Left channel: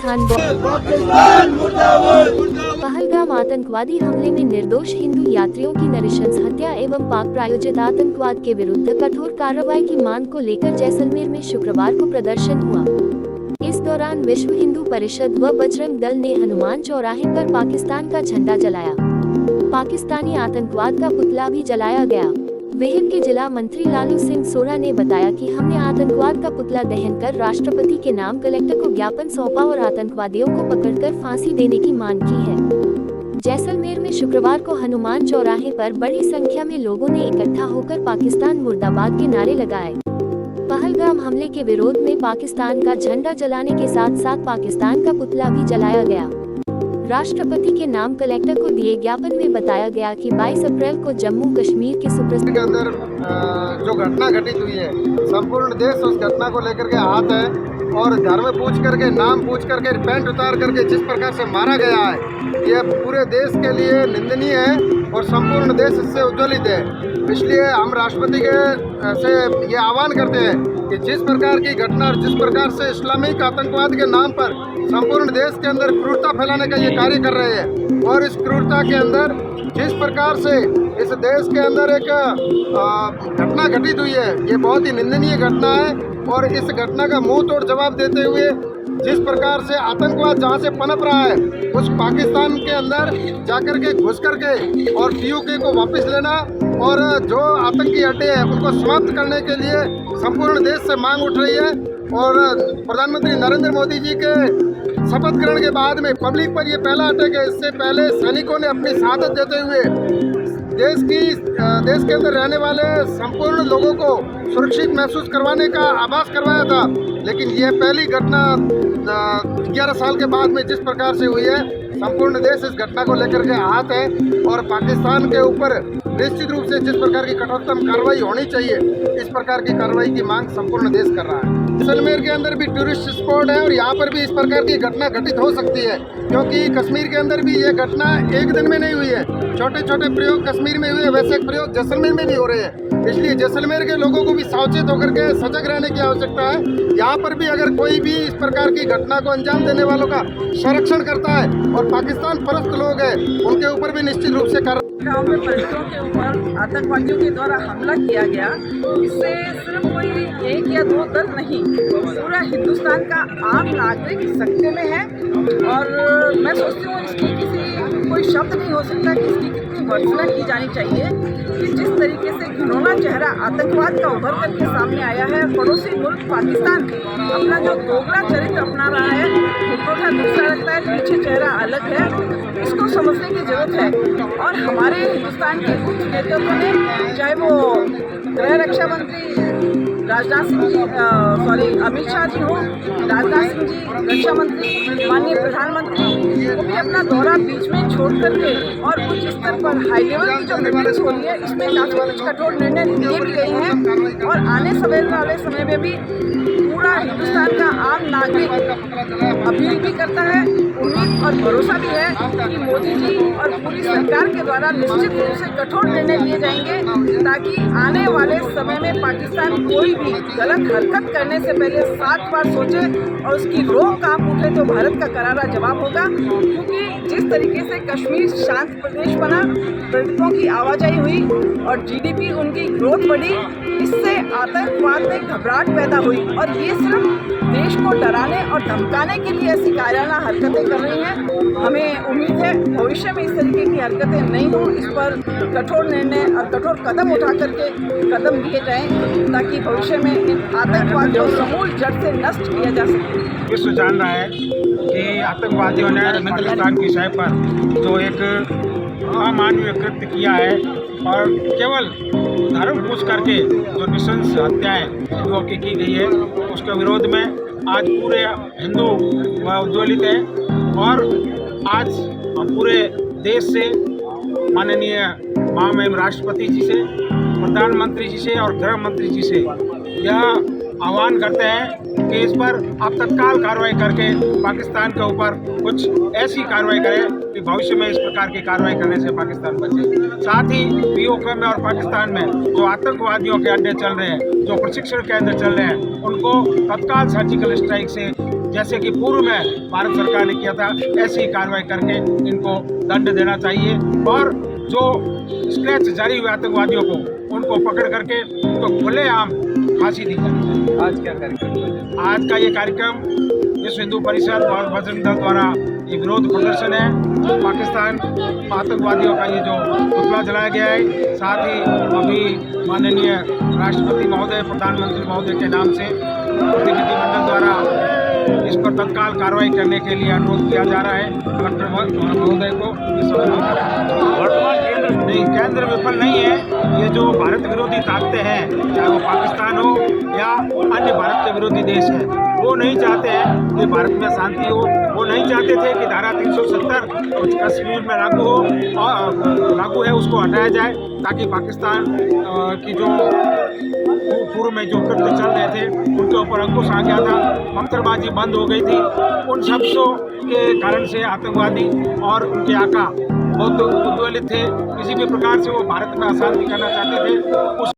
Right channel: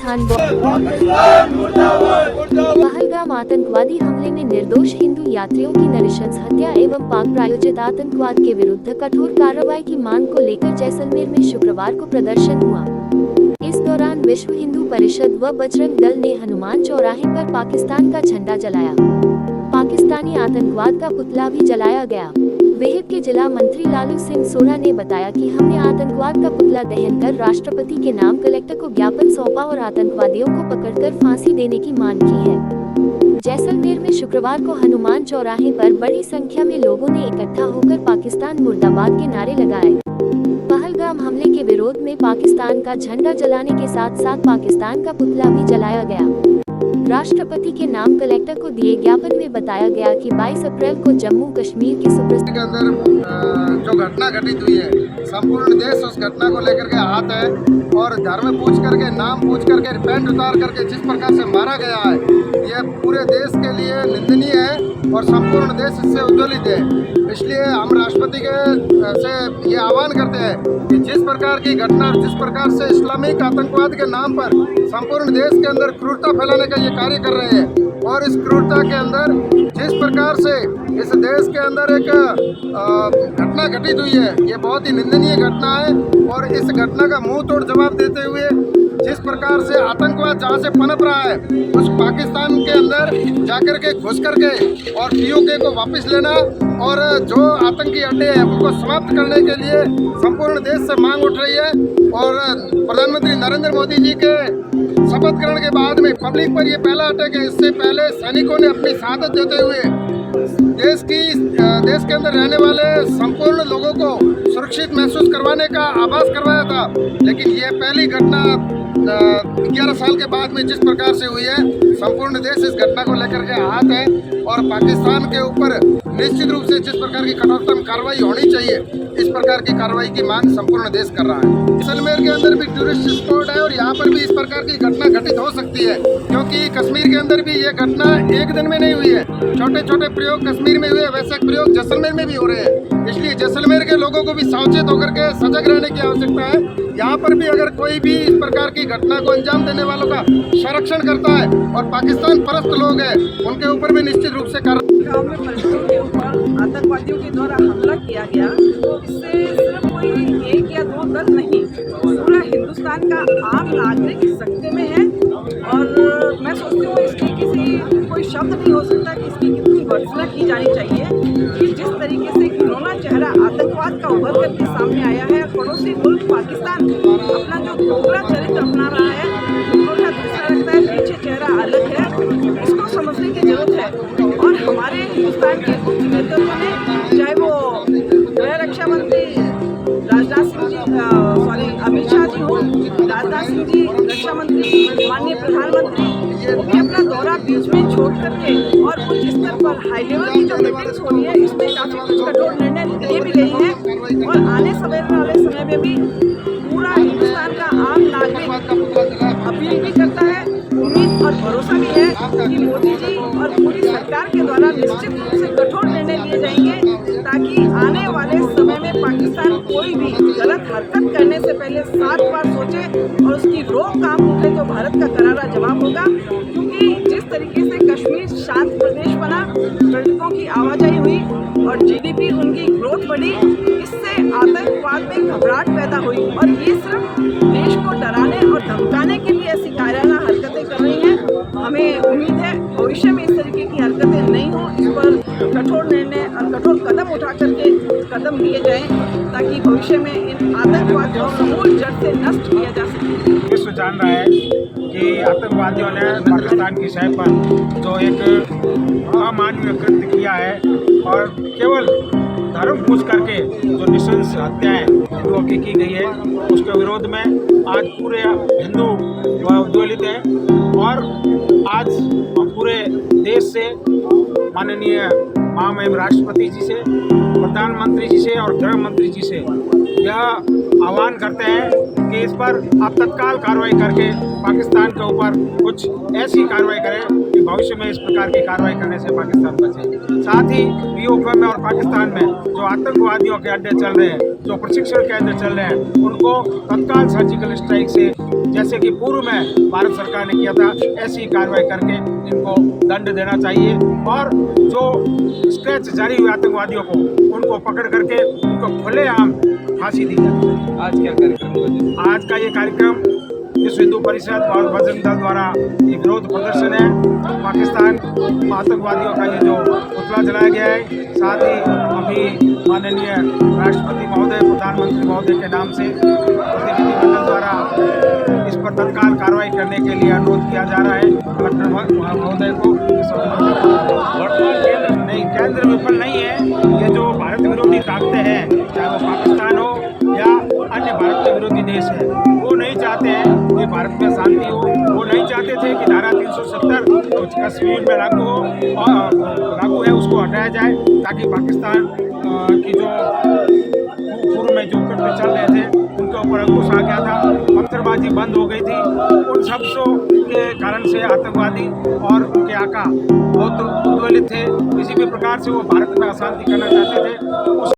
पाकिस्तान पहलगाम आतंकवादी हमले में निर्दोष हिंदू यात्रियों की नृशंस हत्या एवं पाक प्रायोजित आतंकवाद के विरुद्ध कठोर कार्रवाई की मांग को लेकर जैसलमेर में शुक्रवार को प्रदर्शन हुआ। इस दौरान विश्व हिंदू परिषद व बजरंग दल ने हनुमान चौराहे पर पाकिस्तान का झंडा जलाया। पाकिस्तानी आतंकवाद का पुतला भी जलाया गया। विहिप के जिला मंत्री लालू सिंह सोना ने बताया कि हमने आतंकवाद का पुतला दहन कर राष्ट्रपति के नाम कलेक्टर को ज्ञापन सौंपा और आतंकवादियों को पकड़कर फांसी देने की मांग की है। जैसलमेर में शुक्रवार को हनुमान चौराहे पर बड़ी संख्या में लोगों ने इकट्ठा होकर पाकिस्तान मुर्दाबाद के नारे लगाए। पहलगाम हमले के विरोध में पाकिस्तान का झंडा जलाने के साथ साथ पाकिस्तान का पुतला भी जलाया गया। राष्ट्रपति के नाम कलेक्टर को दिए ज्ञापन में बताया गया कि 22 अप्रैल को जम्मू कश्मीर के के अंदर जो घटना घटित हुई है, संपूर्ण देश उस घटना को लेकर के हाथ है और धर्म पूछ करके, नाम पूछ करके, पैंट उतार करके जिस प्रकार से मारा गया है, ये पूरे देश के लिए निंदनीय है और संपूर्ण देश इससे उज्ज्वलित है। इसलिए हम राष्ट्रपति के से ये आह्वान करते हैं कि जिस प्रकार की घटना और जिस प्रकार से इस्लामिक आतंकवाद के नाम पर संपूर्ण देश के अंदर क्रूरता फैलाने का ये कार्य कर रहे हैं और इस क्रूरता के अंदर जिस प्रकार से इस देश के अंदर एक घटना घटित हुई है, ये बहुत ही निंदनीय घटना है और इस घटना का मुंह तोड़ जवाब देते हुए जिस प्रकार से आतंकवाद जहाँ से पनप रहा है उस पाकिस्तान के अंदर जाकर के घुस करके और पीओके को वापस लेना और जो आतंकी अड्डे हैं उनको समाप्त करने के लिए संपूर्ण देश से मांग उठ रही है। और प्रधानमंत्री नरेंद्र मोदी जी के शपथ ग्रहण के बाद में पब्लिक पर ये पहला अटैक है। इससे पहले सैनिकों ने अपनी शहादत देते हुए देश के अंदर रहने वाले संपूर्ण लोगों को सुरक्षित महसूस करवाने का आभास करवाया था, लेकिन यह पहली घटना 11 साल के बाद में जिस प्रकार से हुई है, संपूर्ण देश इस घटना को लेकर के हाथ है और पाकिस्तान के ऊपर निश्चित रूप से जिस प्रकार की कठोरतम कार्रवाई होनी चाहिए, इस प्रकार की कार्रवाई की मांग संपूर्ण देश कर रहा है। जैसलमेर के अंदर भी टूरिस्ट स्पॉट है और यहाँ पर भी इस प्रकार की घटना घटित हो सकती है, क्योंकि कश्मीर के अंदर भी ये घटना एक दिन में नहीं हुई है। छोटे छोटे प्रयोग कश्मीर में हुए, वैसे प्रयोग जैसलमेर में भी हो रहे हैं। इसलिए जैसलमेर के लोगों को भी सावचेत होकर के सजग रहने की आवश्यकता है। यहाँ पर भी अगर कोई भी इस प्रकार की घटना को अंजाम देने वालों का संरक्षण करता है और पाकिस्तान परस्त लोग हैं, उनके ऊपर भी निश्चित रूप से गाँव में पर्यटकों के ऊपर आतंकवादियों के द्वारा हमला किया गया। इससे सिर्फ कोई एक या दो दल नहीं, पूरा हिंदुस्तान का आम नागरिक सकते में है और मैं सोचती हूँ इसकी कोई शब्द नहीं हो सकता कि इसकी कितनी भर्त्सना की जानी चाहिए कि जिस तरीके से घिनौना चेहरा आतंकवाद का उभर करके सामने आया है। पड़ोसी मुल्क पाकिस्तान अपना जो दोगला चरित्र अपना रहा है, मुखौटा दूसरा रखता है, पीछे चेहरा अलग है, इसको समझने की जरूरत है। और हमारे हिंदुस्तान के उच्च नेतृत्व ने, चाहे वो गृह रक्षा मंत्री अमित शाह जी हो, राजनाथ सिंह जी रक्षा मंत्री, माननीय प्रधानमंत्री, वो भी अपना दौरा बीच में छोड़ करके और उच्च स्तर पर हाई लेवल की जो मीटिंग्स हो रही है, इसमें काफ़ी कुछ कठोर निर्णय लिए भी गए हैं। और आने वाले समय में भी पूरा हिंदुस्तान का आम नागरिक अपील भी करता है, उम्मीद और भरोसा भी है कि मोदी जी और पूरी सरकार के द्वारा निश्चित रूप से कठोर निर्णय लिए जाएंगे, ताकि आने वाले समय में पाकिस्तान कोई भी गलत हरकत करने से पहले 7 बार सोचे और उसकी रोक कांप उठे तो भारत का करारा जवाब होगा। क्योंकि जिस तरीके से कश्मीर शांत प्रदेश बना, पर्यटकों की आवाजाही हुई और GDP उनकी ग्रोथ बढ़ी, इससे आतंकवाद में घबराहट पैदा हुई और ये सिर्फ देश को डराने और धमकाने के लिए ऐसी कायराना हरकतें कर रही हैं। हमें उम्मीद है भविष्य में इस तरीके की हरकतें नहीं हो, इस पर कठोर निर्णय और कठोर कदम उठा करके कदम लिए जाएं, ताकि भविष्य में इन आतंकवाद को समूल जड़ से नष्ट किया जा सके। विश्व जान रहा है कि आतंकवादियों ने पाकिस्तान की शय पर जो एक अमानवीय कृत्य किया है और केवल धर्म पूछ करके जो नृशंस हत्याएं हिंदुओं की गई है, उसके विरोध में आज पूरे हिंदू उज्ज्वलित है। और आज हम पूरे देश से माननीय महामहिम राष्ट्रपति जी से, प्रधानमंत्री जी से और गृह मंत्री जी से यह आह्वान करते हैं कि इस पर आप तत्काल कार्रवाई करके पाकिस्तान के ऊपर कुछ ऐसी कार्रवाई करें कि भविष्य में इस प्रकार की कार्रवाई करने से पाकिस्तान बचे। साथ ही पीओके में और पाकिस्तान में जो आतंकवादियों के अड्डे चल रहे हैं, जो प्रशिक्षण केंद्र चल रहे हैं, उनको तत्काल सर्जिकल स्ट्राइक से जैसे कि पूर्व में भारत सरकार ने किया था, ऐसी कार्रवाई करके इनको दंड देना चाहिए और जो स्केच जारी हुए आतंकवादियों को उनको पकड़ करके उनको खुलेआम फांसी दी जानी चाहिए। आज क्या कार्यक्रम? आज का ये कार्यक्रम विश्व हिंदू परिषद और बजरंग दल द्वारा ये विरोध प्रदर्शन है। पाकिस्तान आतंकवादियों का ये जो पुतला जलाया गया है, साथ ही अभी माननीय राष्ट्रपति महोदय, प्रधानमंत्री महोदय के नाम से प्रतिनिधिमंडल द्वारा इस पर तत्काल कार्रवाई करने के लिए अनुरोध किया जा रहा है कलेक्टर महोदय को। नहीं, केंद्र विफल नहीं है। ये जो भारत विरोधी ताकतें हैं, चाहे वो पाकिस्तान हो या अन्य भारत के विरोधी देश हैं, वो नहीं चाहते हैं कि भारत में शांति हो। वो नहीं चाहते थे कि धारा 370 कश्मीर में लागू हो और लागू है उसको हटाया जाए, ताकि पाकिस्तान की जो पूर्व में जो कृत्य चल रहे थे उनके ऊपर अंकुश आ गया था, पत्थरबाजी बंद हो गई थी। उन शब्दों के कारण से आतंकवादी और उनके आका बहुत उद्वेलित थे। किसी भी प्रकार से वो भारत में अशांति करना चाहते थे। उस